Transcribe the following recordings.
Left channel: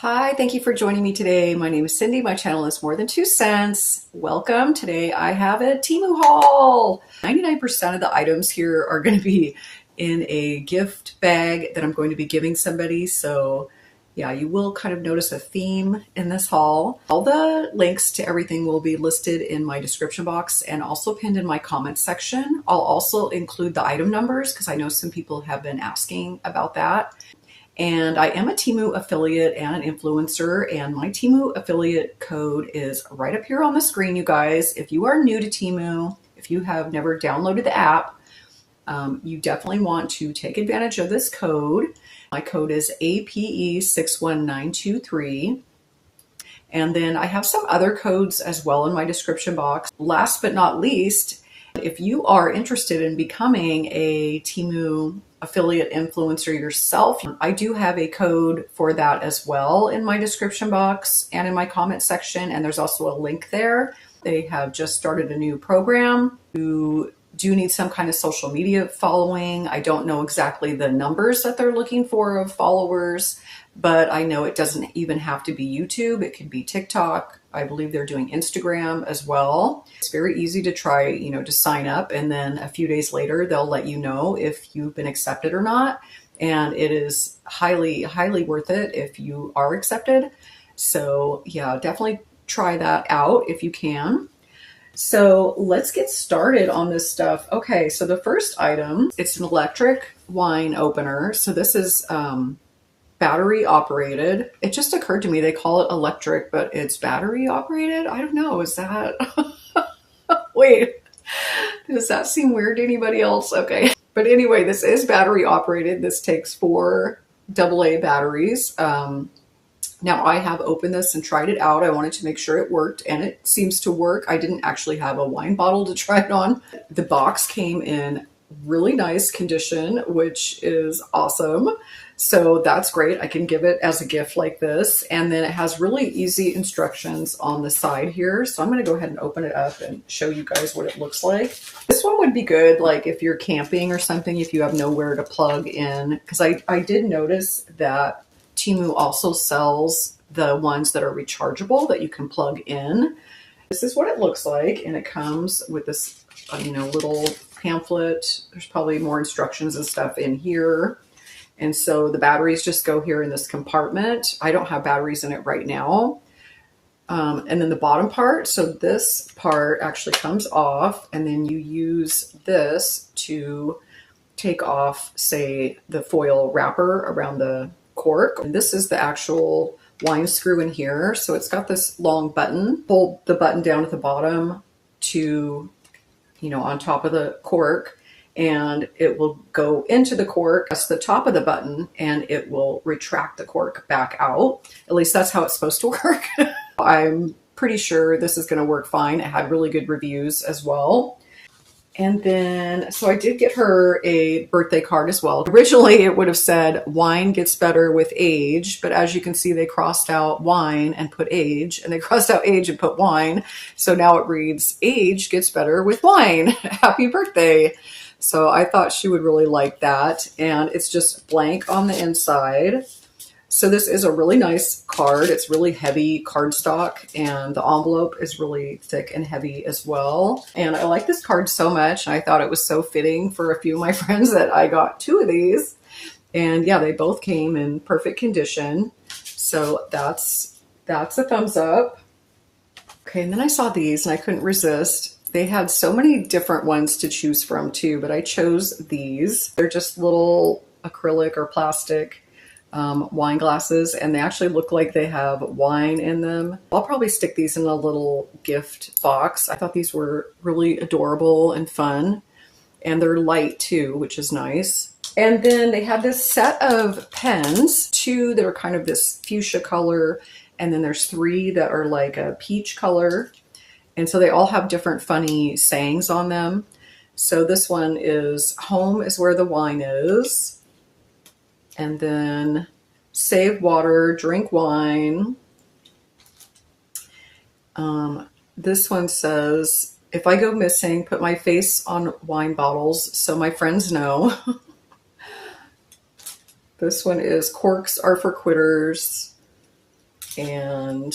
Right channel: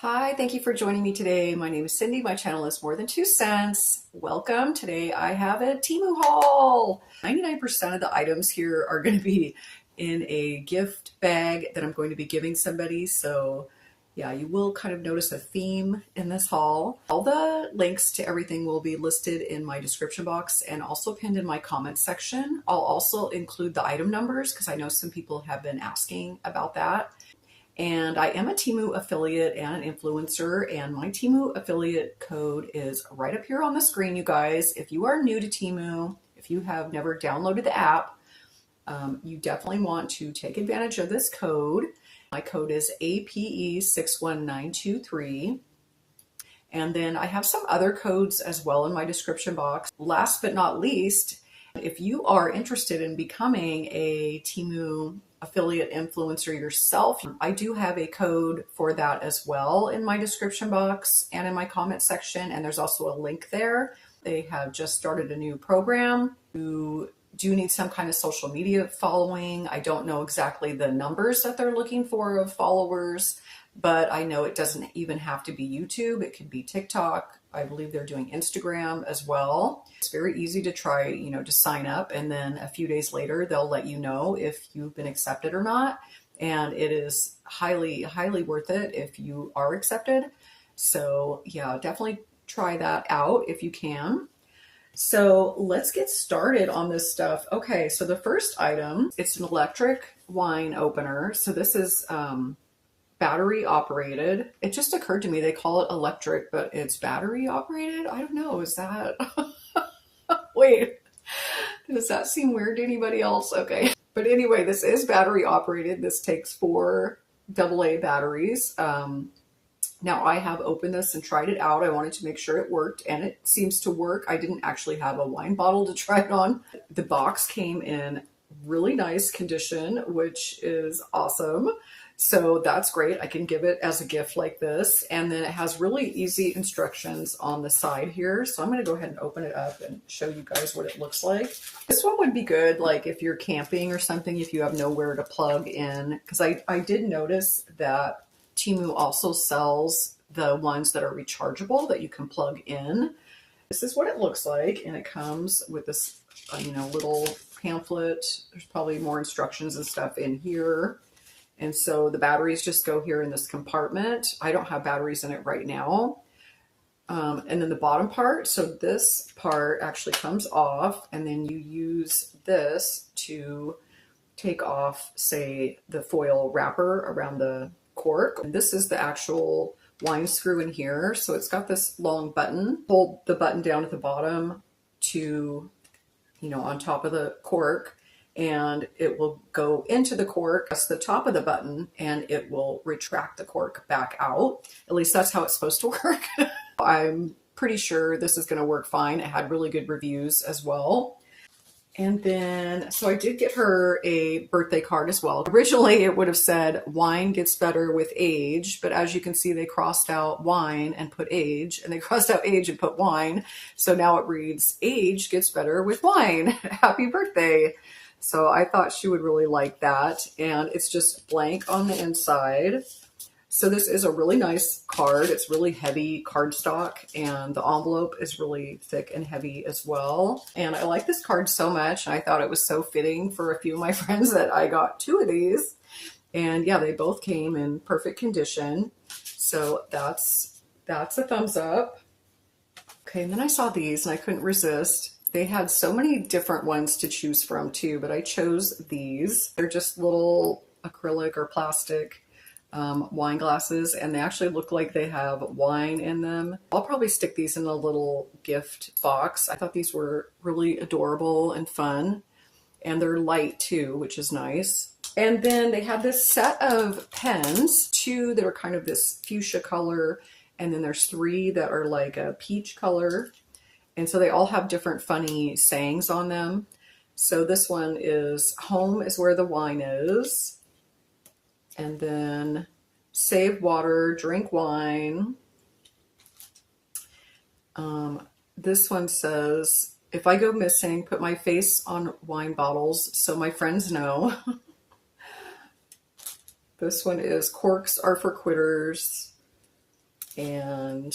Hi, thank you for joining me today. My name is Cindy. My channel is More Than 2 Cents. Welcome. Today I have a Temu haul. 99% of the items here are going to be in a gift bag that I'm going to be giving somebody. So yeah, you will kind of notice a theme in this haul. All the links to everything will be listed in my description box and also pinned in my comments section. I'll also include the item numbers because I know some people have been asking about that. And I am a Temu affiliate and an influencer, and my Temu affiliate code is right up here on the screen, you guys. If you are new to Temu, if you have never downloaded the app, you definitely want to take advantage of this code. My code is APE61923. And then I have some other codes as well in my description box. Last but not least, if you are interested in becoming a Temu affiliate influencer yourself, I do have a code for that as well in my description box and in my comment section, and there's also a link there. They have just started a new program. You do need some kind of social media following. I don't know exactly the numbers that they're looking for of followers, but I know it doesn't even have to be YouTube. It could be TikTok. I believe they're doing Instagram as well. It's very easy to try, to sign up, and then a few days later, they'll let you know if you've been accepted or not. And it is highly, highly worth it if you are accepted. So yeah, definitely try that out if you can. So let's get started on this stuff. Okay, so the first item, it's an electric wine opener. So this is battery operated. It just occurred to me they call it electric, but it's battery operated. I don't know. Is that wait, does that seem weird to anybody else? Okay, but anyway, this is battery operated. This takes 4 AA batteries. Now I have opened this and tried it out. I wanted to make sure it worked, and it seems to work. I didn't actually have a wine bottle to try it on. The box came in really nice condition, which is awesome. So that's great. I can give it as a gift like this. And then it has really easy instructions on the side here. So I'm going to go ahead and open it up and show you guys what it looks like. This one would be good, like if you're camping or something, if you have nowhere to plug in. Because I did notice that Temu also sells the ones that are rechargeable that you can plug in. This is what it looks like. And it comes with this, little pamphlet. There's probably more instructions and stuff in here. And so the batteries just go here in this compartment. I don't have batteries in it right now. And then the bottom part, so this part actually comes off, and then you use this to take off, say, the foil wrapper around the cork. And this is the actual wine screw in here. So it's got this long button. Pull the button down at the bottom to, on top of the cork, and it will go into the cork. That's the top of the button, and it will retract the cork back out. At least that's how it's supposed to work. I'm pretty sure this is going to work fine. It had really good reviews as well. And then, so I did get her a birthday card as well. Originally, it would have said wine gets better with age, but as you can see, they crossed out wine and put age, and they crossed out age and put wine. So now it reads age gets better with wine. Happy birthday. So I thought she would really like that. And it's just blank on the inside. So this is a really nice card. It's really heavy cardstock, and the envelope is really thick and heavy as well. And I like this card so much. I thought it was so fitting for a few of my friends that I got 2 of these. And yeah, they both came in perfect condition. So that's a thumbs up. Okay, and then I saw these and I couldn't resist. They had so many different ones to choose from too, but I chose these. They're just little acrylic or plastic wine glasses, and they actually look like they have wine in them. I'll probably stick these in a little gift box. I thought these were really adorable and fun, and they're light too, which is nice. And then they had this set of pens, 2 that are kind of this fuchsia color, and then there's 3 that are like a peach color. And so they all have different funny sayings on them. So this one is home is where the wine is. And then save water, drink wine. This one says, if I go missing, put my face on wine bottles so my friends know. This one is corks are for quitters. And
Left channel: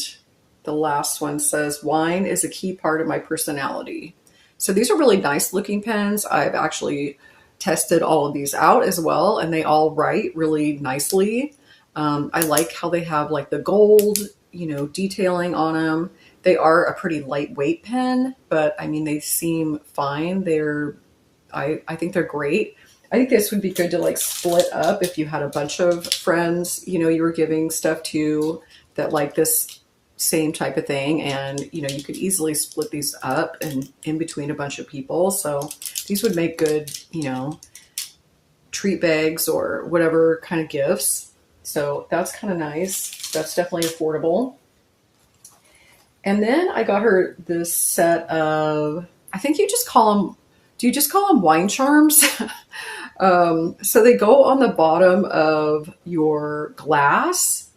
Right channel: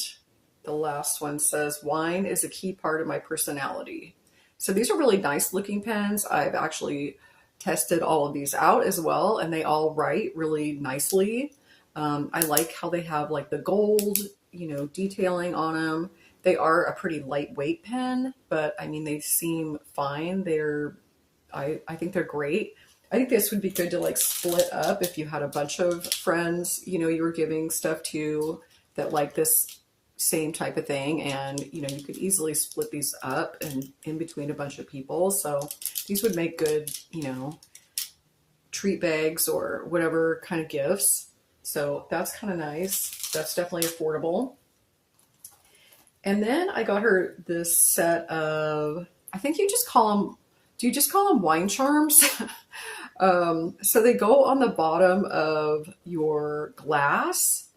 the last one says, wine is a key part of my personality. So these are really nice looking pens. I've actually tested all of these out as well, and they all write really nicely. I like how they have like the gold, detailing on them. They are a pretty lightweight pen, but I mean, they seem fine. I think they're great. I think this would be good to like split up if you had a bunch of friends, you were giving stuff to that like this same type of thing. And, you could easily split these up and in between a bunch of people. So these would make good, treat bags or whatever kind of gifts. So that's kind of nice. That's definitely affordable. And then I got her this set of, I think you just call them, do you just call them wine charms? So they go on the bottom of your glass.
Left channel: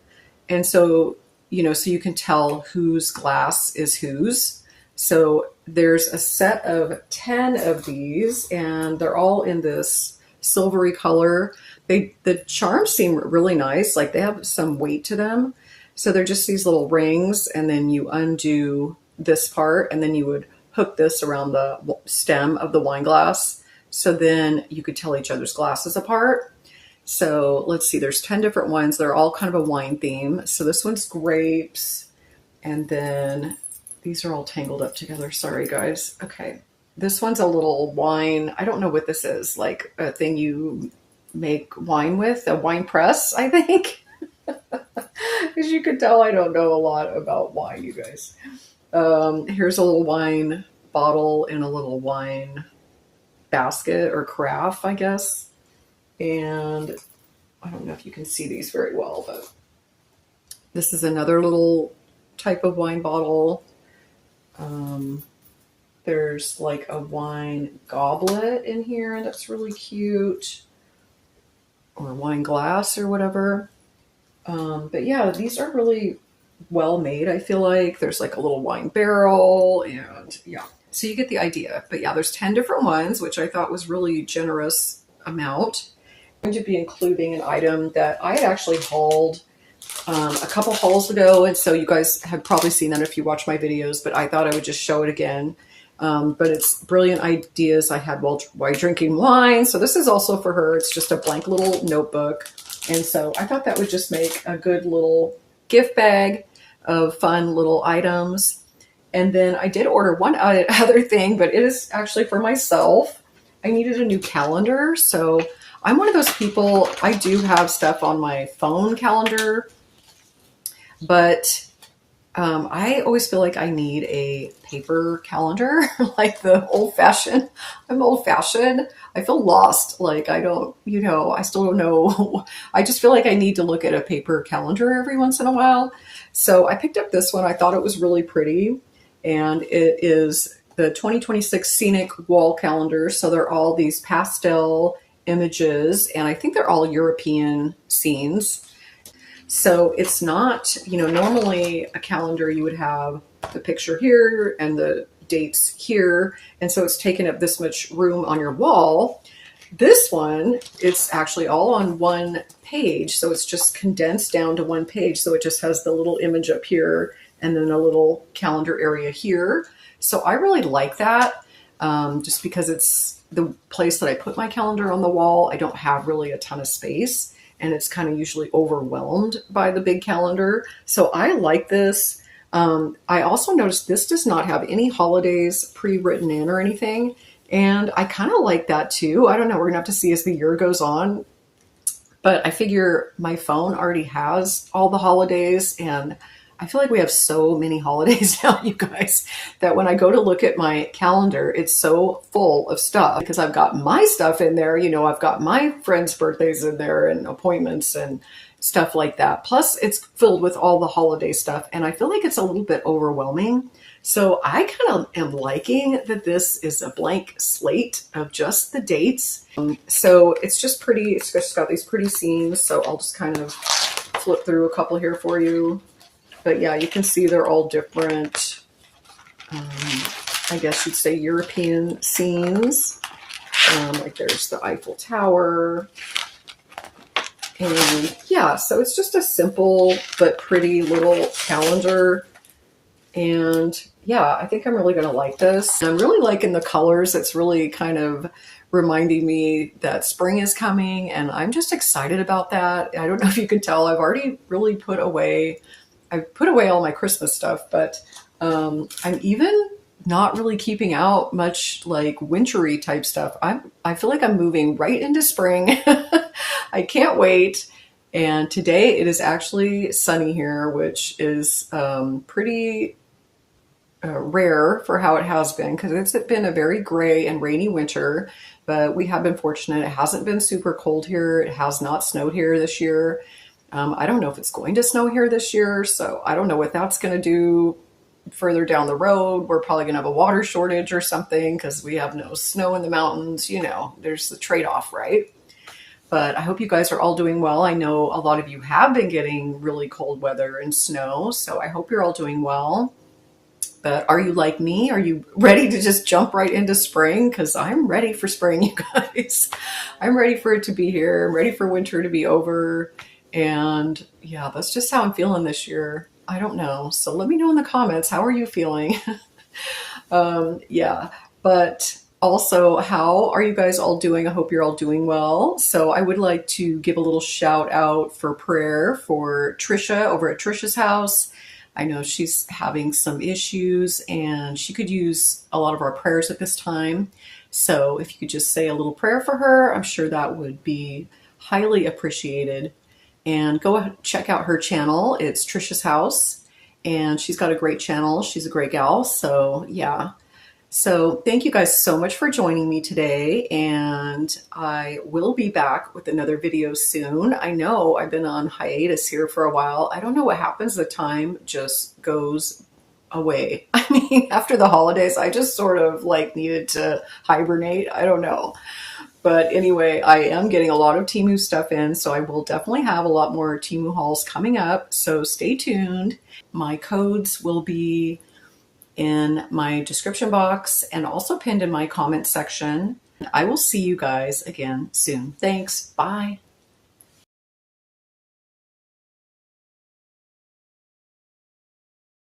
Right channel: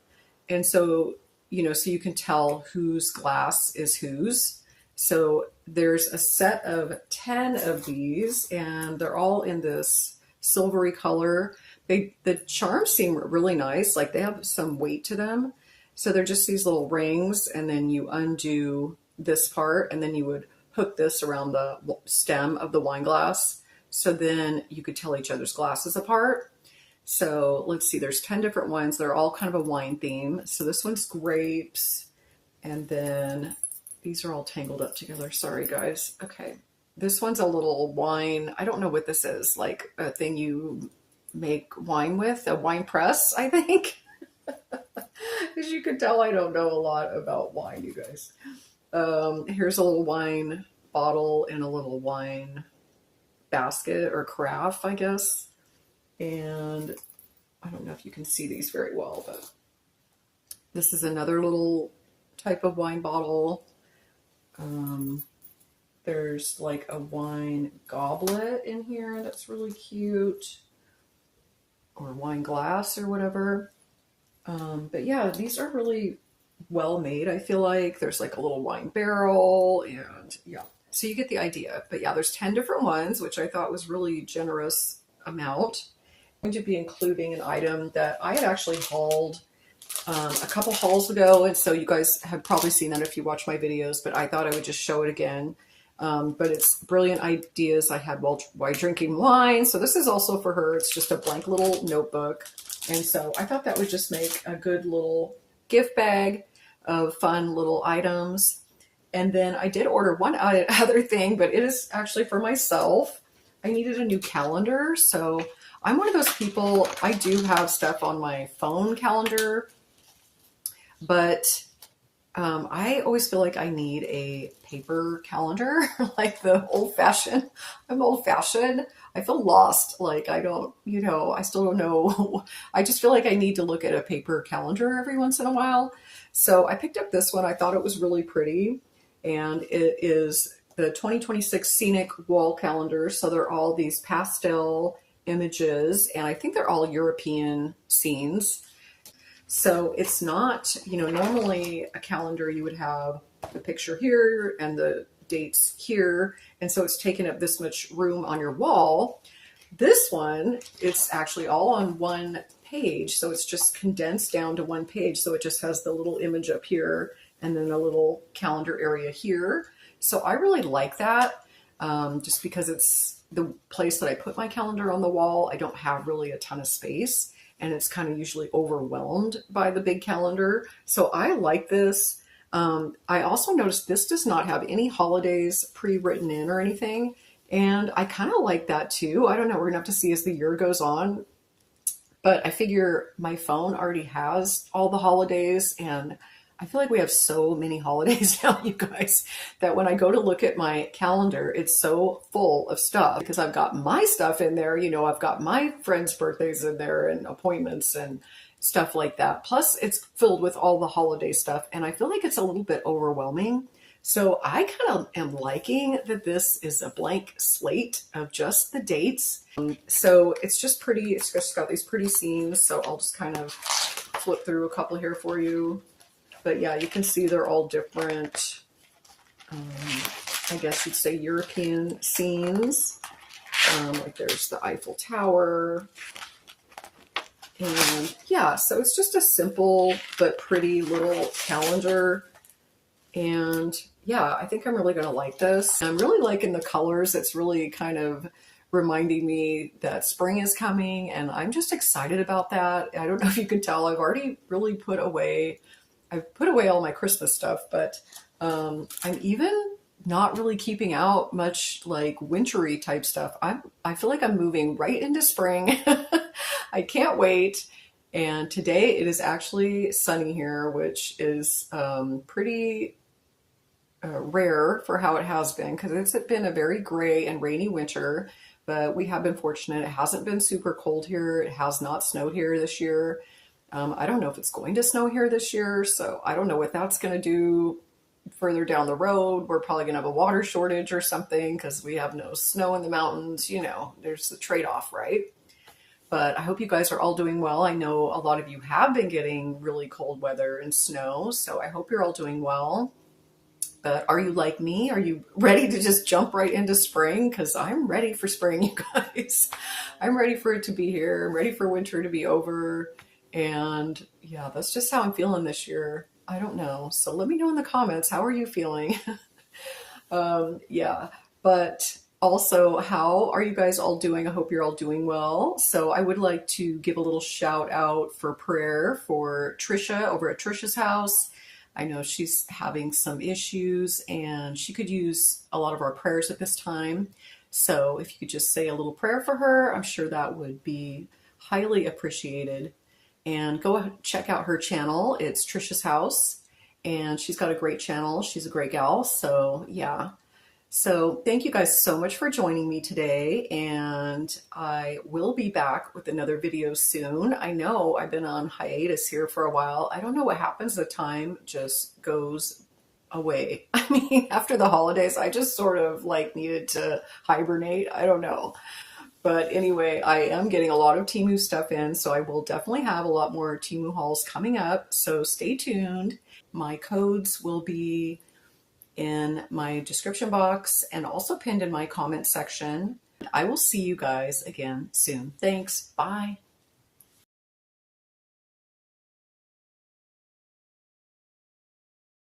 And so, so you can tell whose glass is whose. So there's a set of 10 of these, and they're all in this silvery color. The charms seem really nice. Like they have some weight to them. So they're just these little rings, and then you undo this part, and then you would hook this around the stem of the wine glass. So then you could tell each other's glasses apart. So let's see, there's 10 different ones. They're all kind of a wine theme. So this one's grapes. And then these are all tangled up together. Sorry, guys. Okay. This one's a little wine. I don't know what this is. Like a thing you make wine with, a wine press, I think. As you can tell, I don't know a lot about wine, you guys. Here's a little wine bottle and a little wine basket or carafe, I guess. And I don't know if you can see these very well, but this is another little type of wine bottle. There's like a wine goblet in here that's really cute, or wine glass or whatever. But yeah, these are really well made. I feel like there's like a little wine barrel, and yeah, so you get the idea. But yeah, there's 10 different ones, which I thought was really generous amount. I'm going to be including an item that I had actually hauled a couple hauls ago, and so you guys have probably seen that if you watch my videos, but I thought I would just show it again. But it's brilliant ideas I had while drinking wine. So this is also for her. It's just a blank little notebook. And so I thought that would just make a good little gift bag of fun little items. And then I did order one other thing, but it is actually for myself. I needed a new calendar. So I'm one of those people, I do have stuff on my phone calendar, but I always feel like I need a paper calendar, like the old-fashioned. I'm old-fashioned. I feel lost. Like I don't, I still don't know. I just feel like I need to look at a paper calendar every once in a while. So I picked up this one. I thought it was really pretty. And it is the 2026 Scenic Wall Calendar. So they're all these pastel images, and I think they're all European scenes. So it's not, normally a calendar you would have the picture here and the dates here. And so it's taken up this much room on your wall. This one, it's actually all on one page. So it's just condensed down to one page. So it just has the little image up here and then a little calendar area here. So I really like that, just because it's the place that I put my calendar on the wall. I don't have really a ton of space, and it's kind of usually overwhelmed by the big calendar. So I like this. I also noticed this does not have any holidays pre-written in or anything. And I kind of like that too. I don't know. We're going to have to see as the year goes on. But I figure my phone already has all the holidays, and I feel like we have so many holidays now, you guys, that when I go to look at my calendar, it's so full of stuff because I've got my stuff in there. I've got my friends' birthdays in there and appointments and stuff like that. Plus, it's filled with all the holiday stuff, and I feel like it's a little bit overwhelming. So I kind of am liking that this is a blank slate of just the dates. So it's just pretty. It's just got these pretty scenes. So I'll just kind of flip through a couple here for you. But yeah, you can see they're all different, I guess you'd say European scenes. Like there's the Eiffel Tower. And yeah, so it's just a simple but pretty little calendar. And yeah, I think I'm really going to like this. I'm really liking the colors. It's really kind of reminding me that spring is coming, and I'm just excited about that. I don't know if you can tell, I've already really I've put away all my Christmas stuff, but I'm even not really keeping out much like wintry type stuff. I feel like I'm moving right into spring. I can't wait. And today it is actually sunny here, which is pretty rare for how it has been, because it's been a very gray and rainy winter. But we have been fortunate. It hasn't been super cold here. It has not snowed here this year. I don't know if it's going to snow here this year, so I don't know what that's going to do further down the road. We're probably going to have a water shortage or something because we have no snow in the mountains. You know, there's the trade-off, right? But I hope you guys are all doing well. I know a lot of you have been getting really cold weather and snow, so I hope you're all doing well. But are you like me? Are you ready to just jump right into spring? Because I'm ready for spring, you guys. I'm ready for it to be here. I'm ready for winter to be over. And yeah, that's just how I'm feeling this year. I don't know. So let me know in the comments. How are you feeling? Yeah, but also, how are you guys all doing? I hope you're all doing well. So I would like to give a little shout out for prayer for Trisha over at Trisha's house. I know she's having some issues and she could use a lot of our prayers at this time. So if you could just say a little prayer for her, I'm sure that would be highly appreciated. And go ahead, check out her channel. It's Trisha's House, and she's got a great channel. She's a great gal. So yeah. So thank you guys so much for joining me today, and I will be back with another video soon. I know I've been on hiatus here for a while. I don't know what happens. The time just goes away. I mean, after the holidays, I just sort of like needed to hibernate. I don't know. But anyway, I am getting a lot of Temu stuff in, so I will definitely have a lot more Temu hauls coming up. So stay tuned. My codes will be in my description box and also pinned in my comment section. I will see you guys again soon. Thanks. Bye.